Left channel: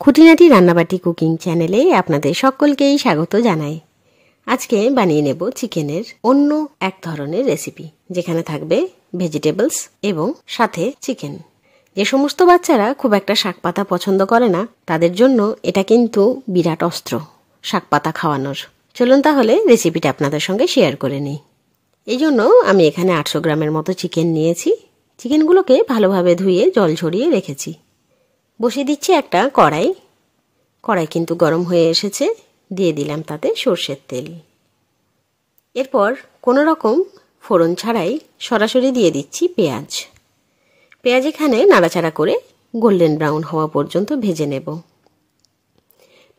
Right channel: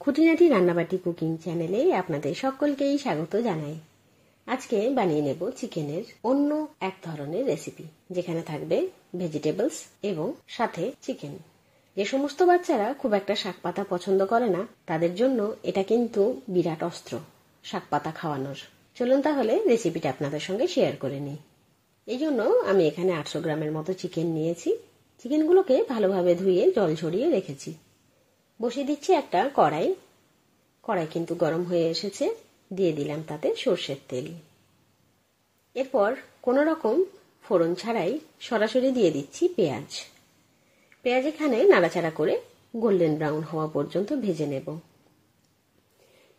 খুঁটিনাটি রান্নাবাটি কুকিং চ্যানেলে আপনাদের সকলকেই স্বাগত জানাই। আজকে বানিয়ে নেব চিকেনের অন্য এক ধরনের রেসিপি, যেখানে থাকবে ভেজিটেবলস এবং সাথে চিকেন। যে সমস্ত বাচ্চারা খুব একটা শাকপাতা পছন্দ করে না, তাদের জন্য এটা কিন্তু বিরাট অস্ত্র শাকপাতা খাওয়ানোর। চলুন তাহলে রেসিপিটা আপনাদের সঙ্গে শেয়ার করে নিই। এই জন্য আমি এখানে 800 গ্রামের মতো চিকেন নিয়েছি। চিকেনগুলোকে ভালোভাবে ধুয়ে জল ঝরিয়ে রেখেছি। বসিয়ে দিচ্ছি একটা কড়াই। কড়াই কিন্তু গরম হয়ে এসেছে। দিয়ে দিলাম তাতে সর্ষের তেল। এরপর কোনো রকম ফোড়ন ছাড়াই সরাসরি দিয়ে দিচ্ছি পেঁয়াজ। পেঁয়াজ এখানে নাড়াচাড়া করে গোল্ডেন ব্রাউন হওয়া পর্যন্ত ভেজে নেব।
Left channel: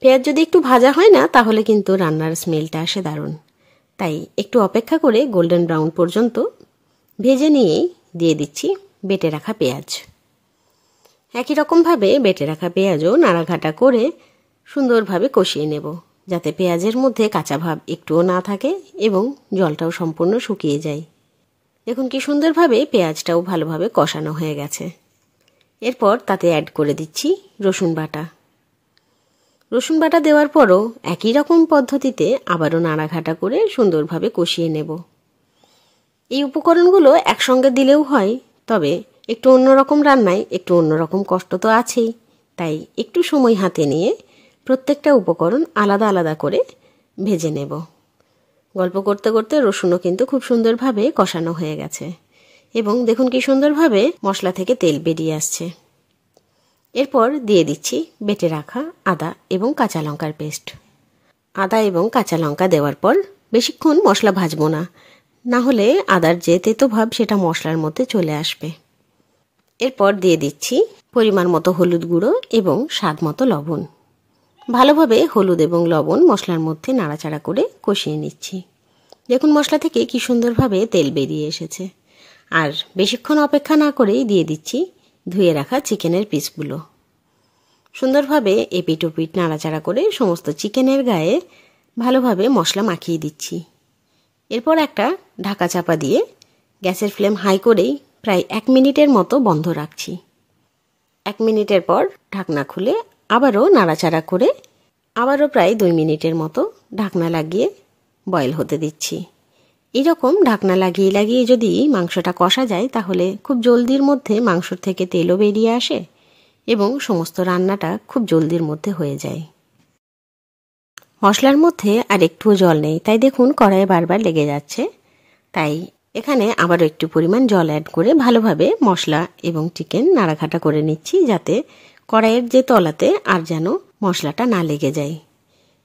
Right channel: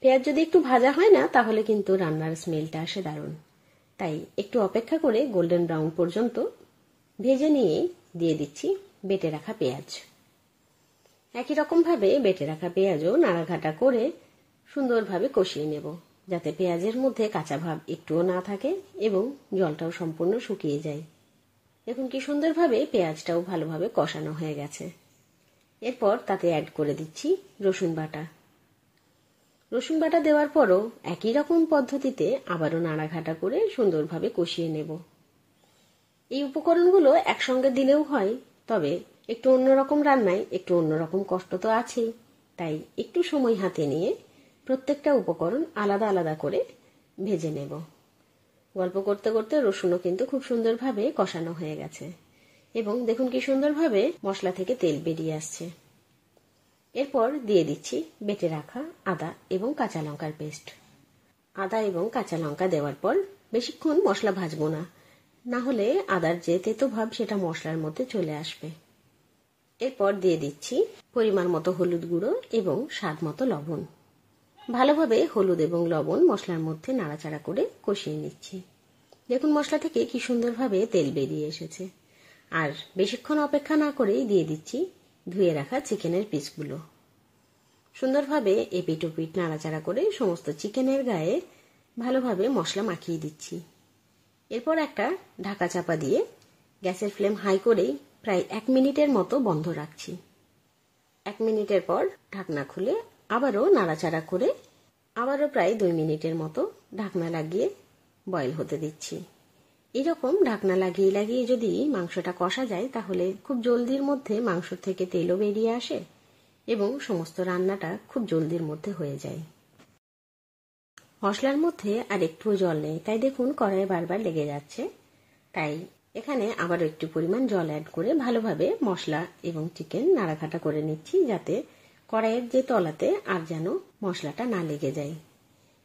পেঁয়াজ যদি একটু ভাজা হয় না, তাহলে কিন্তু রান্নার স্মেলটা আসে দারুণ। তাই একটু অপেক্ষা করে গোল্ডেন ব্রাউন পর্যন্ত ভেজে নিয়েই দিয়ে দিচ্ছি বেটে রাখা পেঁয়াজ। একই রকমভাবে বেটে রাখা পেঁয়াজও নাড়াঘাটা করে সুন্দরভাবে কষিয়ে নেব, যাতে পেঁয়াজের মধ্যে কাঁচা ভাব একটুও না থাকে এবং জলটাও সম্পূর্ণ শুকিয়ে যায়। দেখুন কি সুন্দরভাবে পেঁয়াজটাও ভালোভাবে কষানো হয়ে গেছে। এরপর তাতে অ্যাড করে দিচ্ছি রসুন বাটা। রসুন বাটা দেওয়ার পরও একই রকম পদ্ধতিতে আবারও নাড়াঘাটা করে সুন্দরভাবে কষিয়ে নেব। এই উপকরণগুলো একসঙ্গে দিলেও হয়, তবে একটু অন্যরকম রান্নায় একটু অন্যরকম কষ্ট তো আছেই। তাই একটু সময় হাতে নিয়ে প্রত্যেকটা উপকরণ আলাদা আলাদা করে ভেজে নেব। গল্প করতে করতে রসুনও কিন্তু খুব সুন্দরভাবে কষানো হয়ে গেছে এবং দেখুন কি সুন্দরভাবে মশলা থেকে তেল বেরিয়ে আসছে। এরপর দিয়ে দিচ্ছি বেটে রাখা আদা এবং কাঁচা লঙ্কার পেস্ট। আদা এবং কাঁচা লঙ্কা দেওয়ার পর বেশিক্ষণ মশলা ভাজবো না, না হলে আদার যে তেতো ভাব সেটা মশলার মধ্যে চলে আসবে। এরপর দিয়ে দিচ্ছি পরিমাণ মতো হলুদ গুঁড়ো এবং স্বাদ মতো লবণ। ভালোভাবে হলুদ এবং লবণ মশলার মধ্যে নাড়াচাড়া করে কষিয়ে নিচ্ছি। দেখুন মশলা থেকে কি সুন্দরভাবে তেল বেরিয়ে এসেছে। আর বেশিক্ষণ অপেক্ষা না করেই দিয়ে দিচ্ছি ধুয়ে রাখা চিকেনের পিসগুলো। সুন্দরভাবে এপিট ওপিট নাড়াচাড়া করে সমস্ত চিকেনের গায়ে ভালোভাবে মশলা মাখিয়ে দিচ্ছি। এরপর একটা ঢাকা চাপা দিয়ে গ্যাসের ফ্লেম হাই করেই প্রায় 1 মিনিটের মতো বন্ধ রাখছি। 1 মিনিটের পর ঢাকনা খুলে আবারও নাড়াচাড়া করে আবারও প্রায় 2 মিনিটের মতো ঢাকনা লাগিয়ে বয়েল হতে দিচ্ছি। এরকম ঢাকনা লাগিয়ে লাগিয়ে যদি মাংসটা কষা যায়, তাহলে খুব জলদির মধ্যে মাংস থেকে তেলও বেরিয়ে আসে এবং সমস্ত রান্নাটা খুব জলদির মধ্যে হয়ে যায়। মশলার মধ্যে আর একটুও জল নেই, তাই দেখুন কড়াইয়ে বারবার লেগে যাচ্ছে। তাই এখানে আবারও একটু পরিমাণ জল অ্যাড করে ভালোভাবে মশলা এবং চিকেন নাড়াঘাটা করে নিচ্ছি, যাতে কড়াইয়ের যে তলাতে আর যেন মশলাটা না লেগে যায়।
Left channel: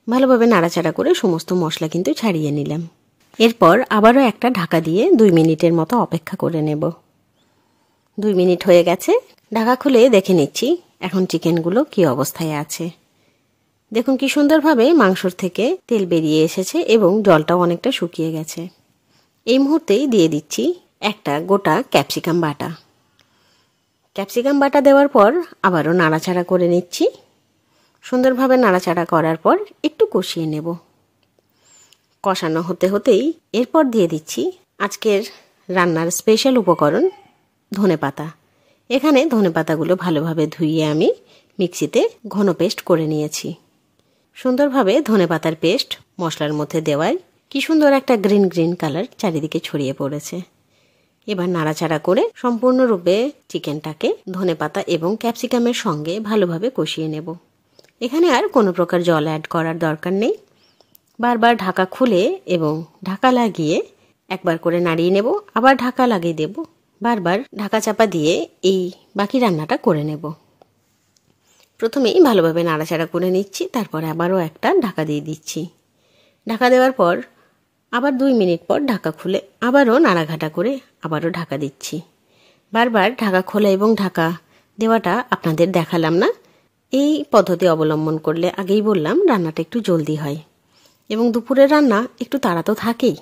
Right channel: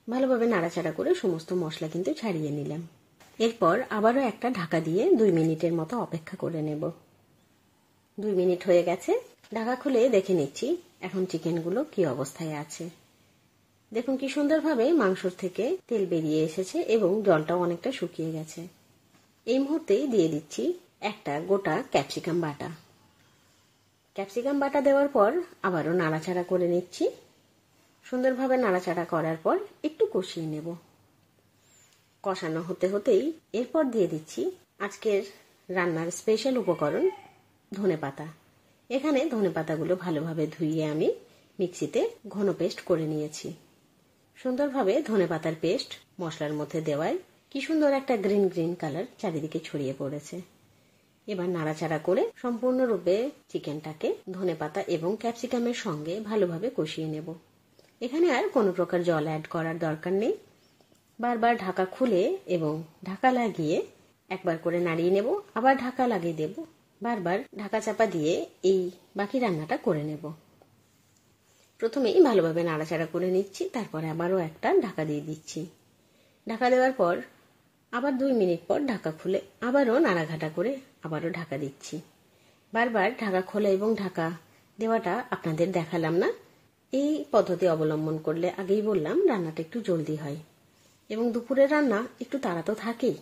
ভালোভাবে নাড়াচাড়া করে সমস্ত মশলা কিন্তু ছাড়িয়ে নিলাম। এরপর আবারও একটা ঢাকা দিয়ে 2 মিনিটের মতো অপেক্ষা করে নেব। 2 মিনিট হয়ে গেছে। ঢাকা খুলে দেখে নিচ্ছি এখন চিকেনগুলো কি অবস্থায় আছে। দেখুন কি সুন্দরভাবে মাংসর থেকে তেল বেরিয়ে এসেছে এবং জলটাও অনেকটা শুকিয়ে গেছে। এই মুহূর্তেই দিয়ে দিচ্ছি একটা গোটা ক্যাপসিকাম বাটা। ক্যাপসিকাম বাটা দেওয়ার পর আবারও নাড়াচাড়া করে নিচ্ছি। সুন্দরভাবে নাড়াচাড়া করার পর একটু কষিয়ে নেব। কষানো হতে হতেই এরপর দিয়ে দিচ্ছি আজকের রান্নার স্পেশাল উপকরণ ধনেপাতা। এখানে ধনেপাতাগুলো ভালোভাবে ধুইয়ে আমি মিক্সিতে ঘন পেস্ট করে নিয়েছি। সুন্দরভাবে ধনেপাতার পেস্ট মশলার মধ্যে দেওয়ায় কি সুন্দর একটা গ্রিন গ্রিন কালার চারিদিকে ছড়িয়ে পড়েছে। এবার নাড়াচাড়া করে সম্পূর্ণরূপে চিকেনটাকে ধনেপাতা এবং ক্যাপসিকামের সঙ্গে ভালোভাবে কষিয়ে নেব। এখানে আর কোনো প্রকার জল অ্যাড করার দরকার নেই। বারবার ঢাকা খুলে এবং ঢাকা লাগিয়ে একবার করে নাড়িয়ে নেব, আবার ঢাকা লাগিয়ে দেব, বারবার ঢাকা চাপা দিয়ে এই বাকি রান্নাটা করে নেব। প্রথমেই ভালোভাবে নাড়াচাড়া করে নিচ্ছি, তারপরে আবারও একটা ঢাকা দিয়ে দিচ্ছি। ঢাকা দেওয়ার পর আবার 2 মিনিট পর ঢাকা খুলে আবারও নাড়াঘাটা করে আবারও ঢাকা দিচ্ছি। বারবার ঢাকা খোলা এবং ঢাকা দেওয়াটা আপনাদের দেখালাম না। এই পদ্ধতি অবলম্বন করলে আগেই বললাম রান্নাটা একটু জলদি হয় এবং দুপুরের রান্না একটু তাড়া তো থাকেই,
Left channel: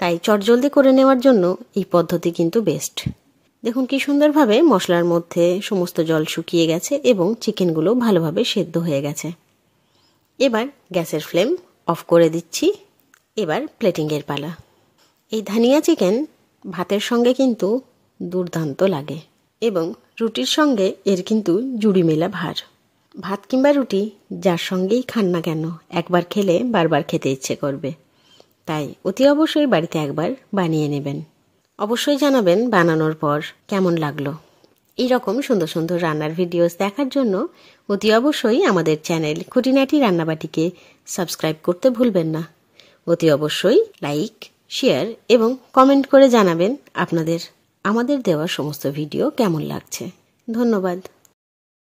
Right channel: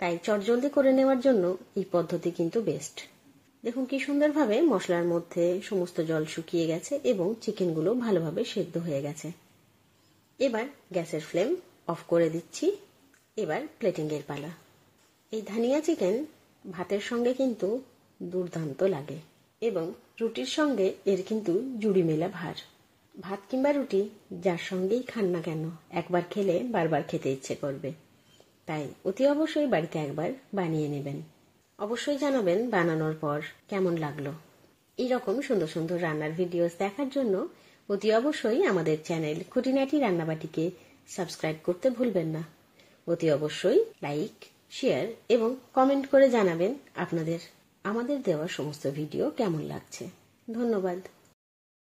তাই চটজলদি করে নেওয়ার জন্য এই পদ্ধতি কিন্তু বেস্ট। দেখুন কি সুন্দরভাবে মশলার মধ্যে সমস্ত জল শুকিয়ে গেছে এবং চিকেনগুলো ভালোভাবে সেদ্ধ হয়ে গেছে। এবার গ্যাসের ফ্লেম অফ করে দিচ্ছি। এবার প্লেটিংয়ের পালা। এই ধানিয়া চিকেন ভাতের সঙ্গে কিন্তু দুর্দান্ত লাগে এবং রুটির সঙ্গে এর কিন্তু জুড়ি মেলা ভার। ভাত কিংবা রুটি যার সঙ্গেই খান না কেন একবার খেলে বারবার খেতে ইচ্ছে করবে। তাই অতি অবশ্যই বাড়িতে একবার বানিয়ে নেবেন। অবশ্যই জানাবেন বানানোর পর কেমন লাগলো। এই রকম সুন্দর সুন্দর রান্নার ভিডিওস দেখার জন্য অতি অবশ্যই আমাদের চ্যানেল খুঁটিনাটি রান্নাবাটিকে সাবস্ক্রাইব করতে ভুলবেন না। অতি অবশ্যই লাইক, শেয়ার এবং কমেন্ট করে জানাবেন আপনাদের আমাদের দেওয়া সমস্ত ভিডিও কেমন লাগছে। ধন্যবাদ।